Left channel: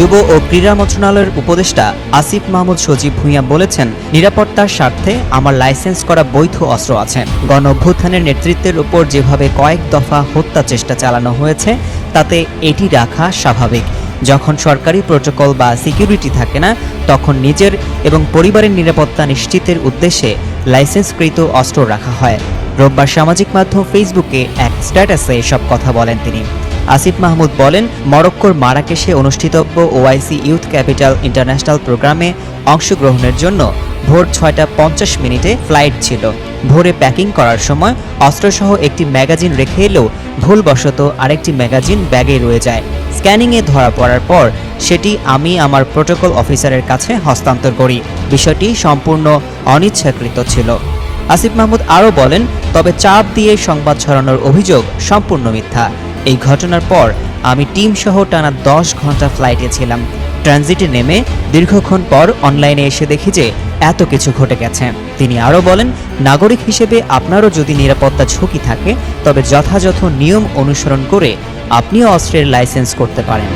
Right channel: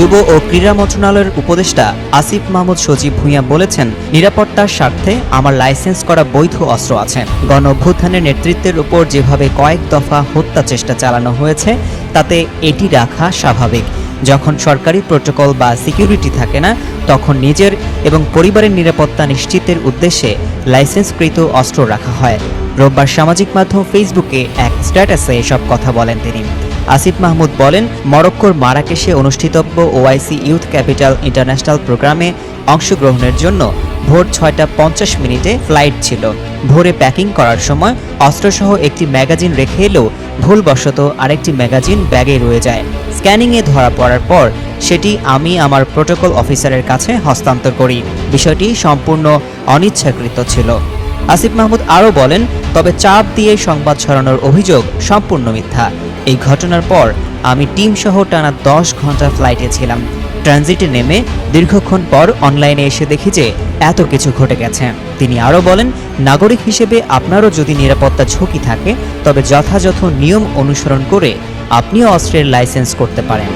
যুব ও ক্রীড়া মন্ত্রণালয়ের উপদেষ্টা আসিফ মাহমুদ সজীব ভুঁইয়া বলেছেন, নিরাপত্তার স্বার্থে আমার লাইসেন্স করা বৈধ অস্ত্র আছে। গণ অভ্যুত্থানের নেতৃত্বের উপর যেভাবে কয়েক দফা হত্যা চেষ্টা চালানো হয়েছে তাতে এটি রাখা স্বাভাবিক। যখন সরকারি প্রোটোকল বা সিকিউরিটি থাকে না, তখন নিজের এবং পরিবারের নিরাপত্তা নিশ্চিতের উদ্দেশ্যে লাইসেন্সকৃত অস্ত্র রাখা হয়। রোববার সামাজিক মাধ্যম ফেসবুকে এক স্ট্যাটাসে এসব কথা বলেন তিনি। আসিফ মাহমুদ বলেন, মরক্কোর মারাকেশে অনুষ্ঠিতব্য ওআইসি ইউথ ক্যাপিটাল ইন্টারন্যাশনাল প্রোগ্রামে অংশগ্রহণের জন্য ভোর ৬টা ৫০ ফ্লাইট ছিল। ভোরে প্যাকিং করার সময় অস্ত্রসহ একটি ম্যাগাজিন রেখে এলেও ভুলবশত আরেকটি ম্যাগাজিন ব্যাগে রয়ে যায়। স্ক্যানিংয়ে ধরা পড়ার পর সেটি আমি আমার প্রোটোকল অফিসারের কাছে হস্তান্তর করি। বিষয়টি সম্পূর্ণ অনিচ্ছাকৃত ছিল। আসিফ মাহমুদ আরও বলেন, তবে চাপ দিয়ে সংবাদ ছড়ানোর অভিযোগ সম্পূর্ণ মিথ্যা। এই ঘটনার পর আমি টিম সহ টানা ১০ ঘন্টা ফ্লাইটে ছিলাম। ট্রানজিটে নেমে দীর্ঘক্ষণ পর অনলাইনে এসে দেখি যে এত কিছু ঘটে গেছে। তিনি আরও বলেন, নাগরিক হিসেবে আপনারও যদি নিরাপত্তা ঝুঁকি থাকে তবে যথাযথ নিয়ম অনুসরণ করে আপনিও অস্ত্রের লাইসেন্স করতে পারেন।